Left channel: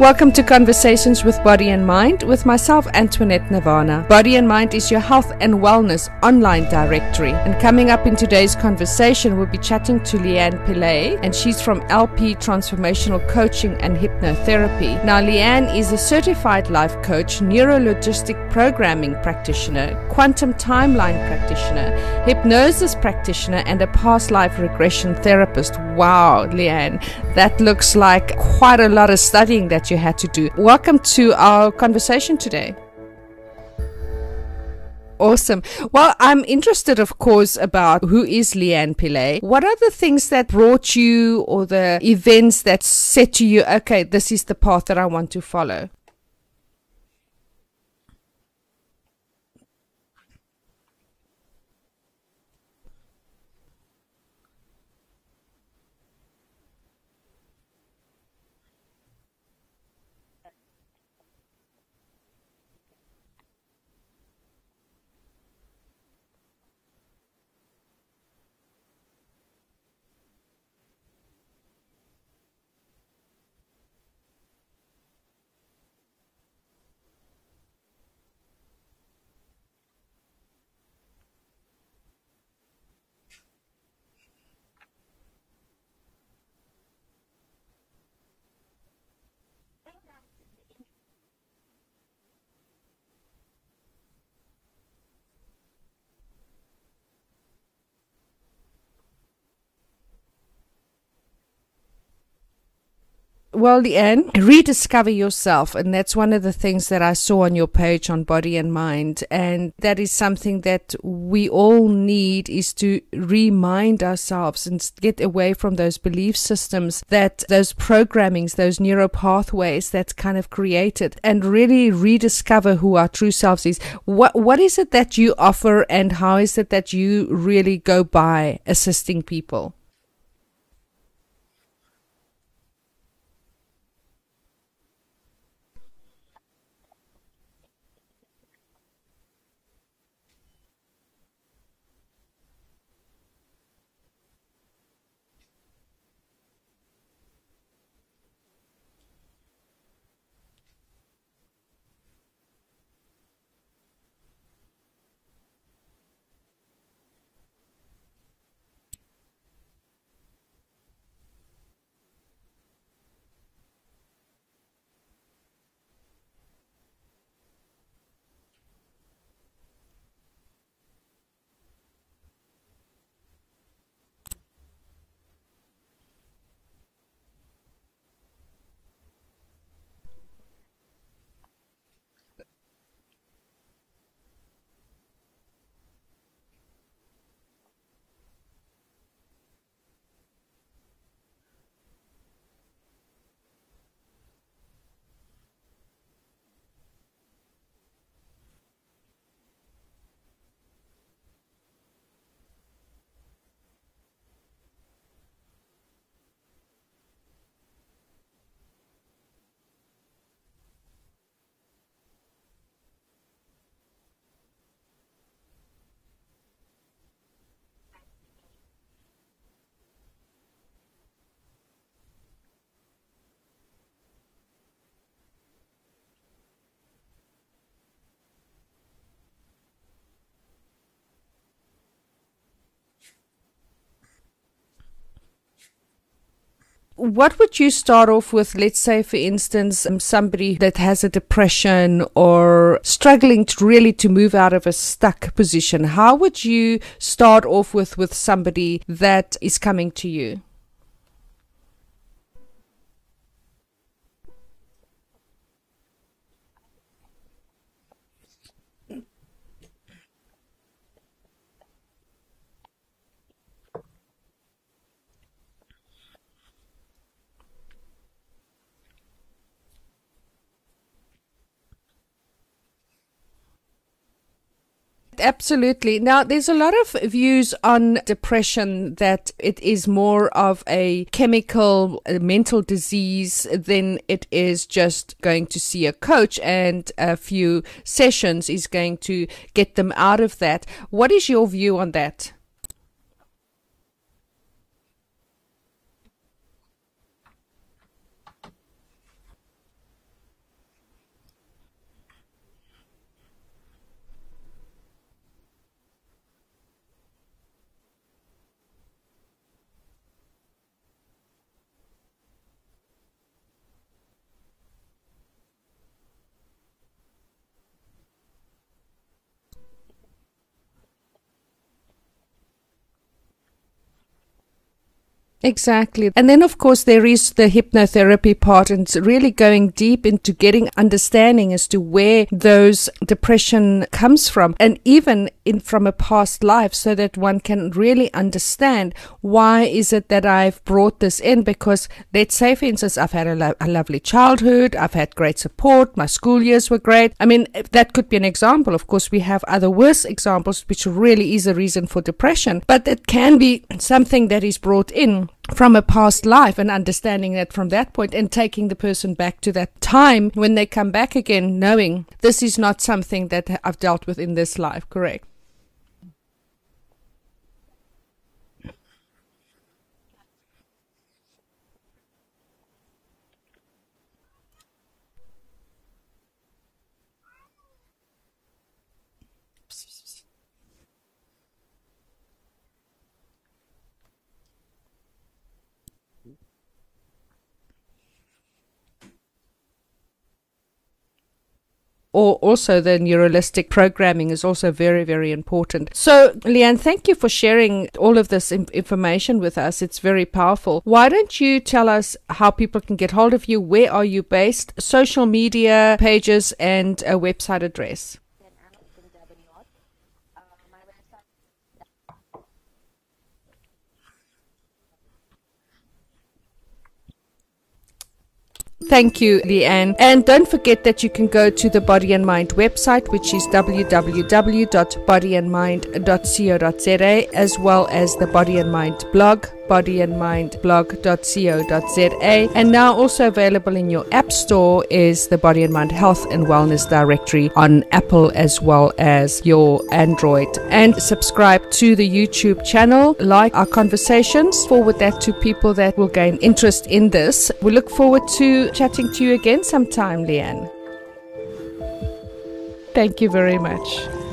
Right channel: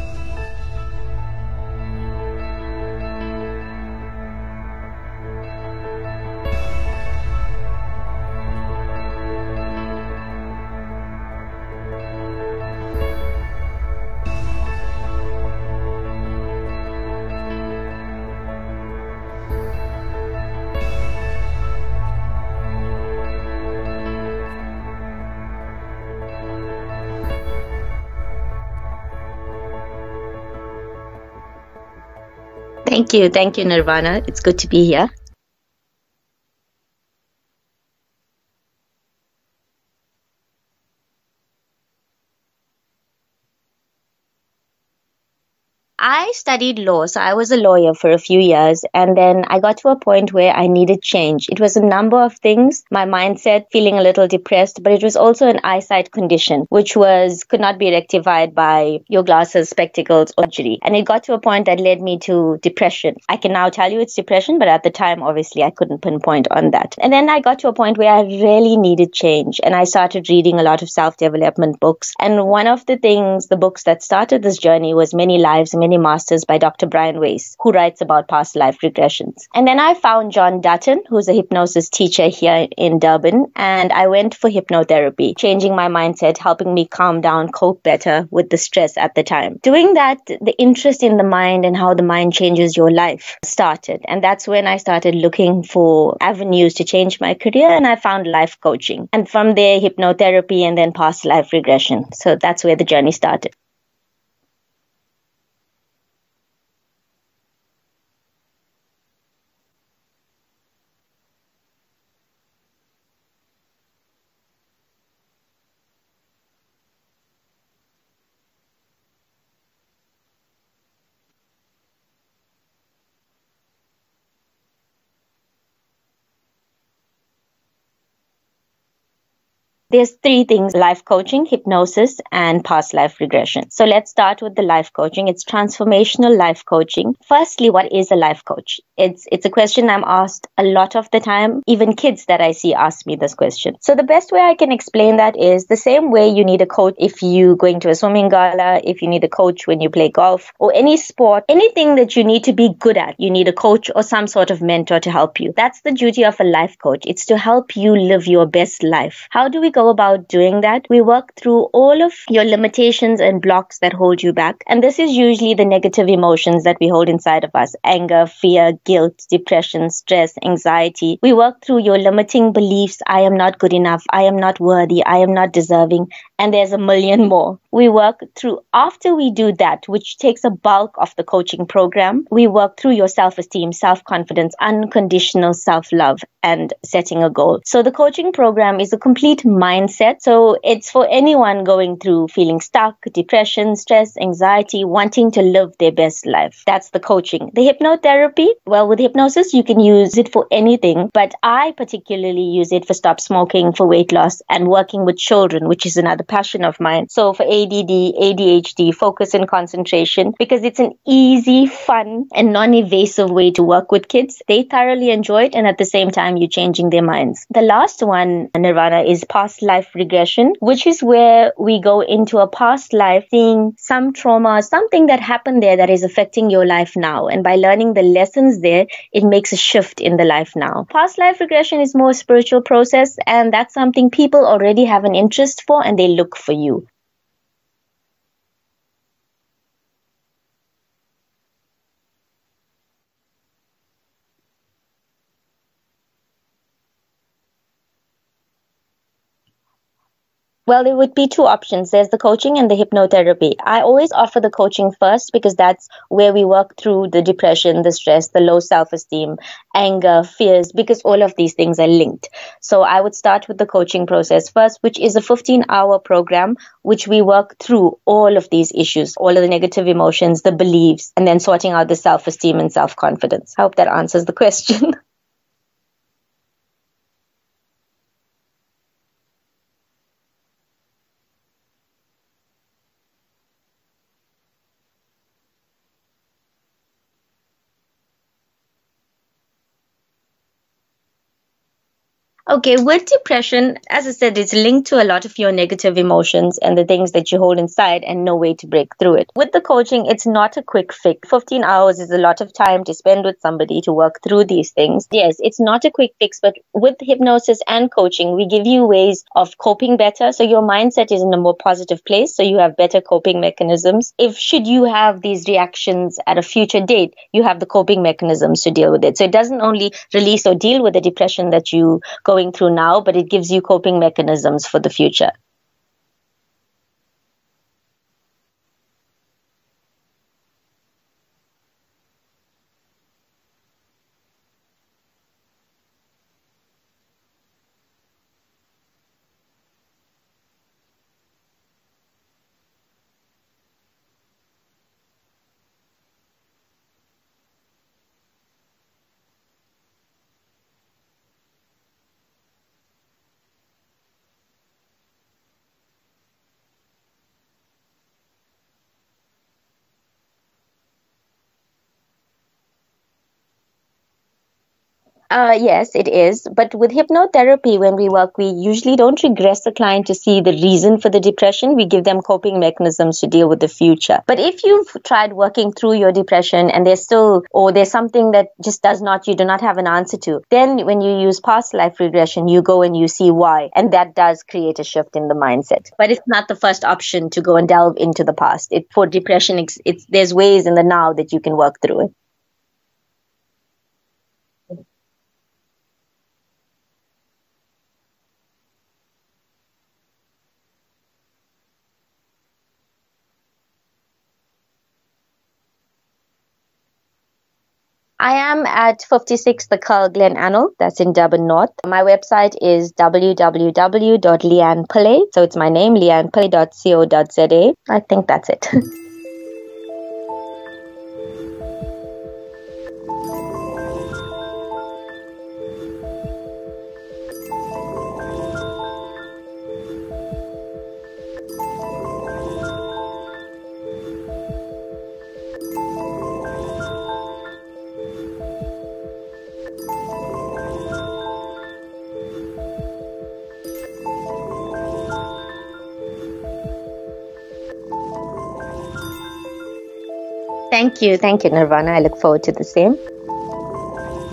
Welcome to Conversations with Body and Mind with myself, Antoinette Nirvana. Body and Mind is your health and wellness online directory. And coming up in today's conversation, we'll be chatting to Leeanne Pillay, and she's from LP Transformational Coaching and Hypnotherapy. Now, Leeanne is a certified life coach, Neuro Linguistic Programming practitioner, quantum timeline practitioner, hypnosis practitioner, and a past life regression therapist. Wow, Leeanne, that looks like quite a lot of studying that you had to do. Welcome to our conversation today. Thank you, Nirvana. It's good to be here. Awesome. Well, I'm interested, of course, about who is Leeanne Pillay. What are the things that brought you, or the events that said to you, okay, this is the path that I want to follow? I studied law, so I was a lawyer for a few years, and then I got to a point where I needed change. It was a number of things, my mindset, feeling a little depressed, but it was also an eyesight condition, which could not be rectified by your glasses, spectacles, or surgery. And it got to a point that led me to depression. I can now tell you it's depression, but at the time, obviously, I couldn't pinpoint on that. And then I got to a point where I really needed change, and I started reading a lot of self-development books. And one of the books that started this journey was Many Lives, Many Masters by Dr. Brian Weiss, who writes about past life regressions. And then I found John Dutton, who's a hypnosis teacher here in Durban, and I went for hypnotherapy, changing my mindset, helping me calm down, cope better with the stress at the time. Doing that, the interest in the mind and how the mind changes your life started. And that's when I started looking for avenues to change my career, and I found life coaching. And from there, hypnotherapy, and then past life regression. So that's where the journey started. Well, Leeanne, rediscover yourself. And that's one of the things that I saw on your page on Body and Mind. And that is something that we all need, is to remind ourselves and get away from those belief systems, that those programmings, those neuro pathways that's kind of created, and really rediscover who our true selves is. What is it that you offer, and how is it that you really go by assisting people? There's three things: life coaching, hypnosis, and past life regression. So let's start with the life coaching. It's transformational life coaching. Firstly, what is a life coach? It's a question I'm asked a lot of the time. Even kids that I see ask me this question. So the best way I can explain that is the same way you need a coach if you're going to a swimming gala, if you need a coach when you play golf, or any sport, anything that you need to be good at, you need a coach or some sort of mentor to help you. That's the duty of a life coach. It's to help you live your best life. How do we go about doing that? We work through all of your limitations and blocks that hold you back. And this is usually the negative emotions that we hold inside of us: anger, fear, guilt, depression, stress, anxiety. We work through your limiting beliefs: I am not good enough, I am not worthy, I am not deserving, and there's a million more. We work through, after we do that, which takes a bulk of the coaching program, we work through your self-esteem, self-confidence, unconditional self-love, and setting a goal. So the coaching program is a complete mindset. So it's for anyone going through feeling stuck, depression, stress, anxiety, wanting to live their best life. That's the coaching. The hypnotherapy, well, with hypnosis, you can use it for anything, but I particularly use it for stop smoking, for weight loss, and working with children, which is another passion of mine. So for ADD, ADHD, focus and concentration, because it's an easy, fun, and non-invasive way to work with kids. They thoroughly enjoy it, and at the same time, you're changing their minds. The last one, Nirvana, is past life regression, which is where we go into a past life, seeing some trauma, something that happened there that is affecting your life now. And by learning the lessons there, it makes a shift in the life now. Past life regression is more a spiritual process, and that's something people already have an interest for, and they look for you. What would you start off with? Let's say, for instance, somebody that has a depression or struggling to move out of a stuck position. How would you start off with somebody that is coming to you? Well, there would be two options. There's the coaching and the hypnotherapy. I always offer the coaching first because that's where we work through the depression, the stress, the low self-esteem, anger, fears, because all of these things are linked. So I would start with the coaching process first, which is a 15-hour program, which we work through all of these issues, all of the negative emotions, the beliefs, and then sorting out the self-esteem and self-confidence. I hope that answers the question. Absolutely. Now, there's a lot of views on depression that it is more of a chemical, a mental disease than it is just going to see a coach and a few sessions is going to get them out of that. What is your view on that? Okay, with depression, as I said, it's linked to a lot of your negative emotions and the things that you hold inside and no way to break through it. With the coaching, it's not a quick fix. 15 hours is a lot of time to spend with somebody to work through these things. Yes, it's not a quick fix, but with hypnosis and coaching, we give you ways of coping better. So your mindset is in a more positive place, so you have better coping mechanisms. If should you have these reactions at a future date, you have the coping mechanisms to deal with it. So it doesn't only release or deal with the depression that you going through now, but it gives you coping mechanisms for the future. Exactly. And then, of course, there is the hypnotherapy part, and it's really going deep into getting understanding as to where those depression comes from, and even from a past life, so that one can really understand why is it that I've brought this in. Because let's say, for instance, I've had a lovely childhood, I've had great support, my school years were great. I mean, that could be an example. Of course, we have other worse examples, which really is a reason for depression, but it can be something that is brought in from a past life, and understanding that from that point and taking the person back to that time when they come back again, knowing this is not something that I've dealt with in this life, correct? Yes, it is. But with hypnotherapy, when we work, we usually don't regress the client to see the reason for the depression. We give them coping mechanisms to deal with the future. But if you've tried working through your depression and there's something that just you do not have an answer to, then when you use past life regression, you go and you see why. And that does create a shift in the mindset. But it's not the first option to go and delve into the past. For depression, there's ways in the now that you can work through it. Or also the neuralistic programming is also very, very important. So, Leeanne, thank you for sharing all of this information with us. It's very powerful. Why don't you tell us how people can get hold of you? Where are you based? Social media pages and a website address. I am at 56 The Curl Glen Anil. That's in Durban North. My website is www.Leeanne Pillay. So it's my name, leannepillay.co.za. I think that's it. Thank you, Leeanne. And don't forget that you can go to the Body and Mind website, which is www.bodyandmind.co.za, as well as the Body and Mind blog, bodyandmindblog.co.za. And now also available in your app store is the Body and Mind Health and Wellness Directory on Apple as well as your Android. And subscribe to the YouTube channel, like our conversations, forward that to people that will gain interest in this. We look forward to chatting to you again sometime, Leeanne. Thank you, Nirvana. I look forward to the same. Thank you very much.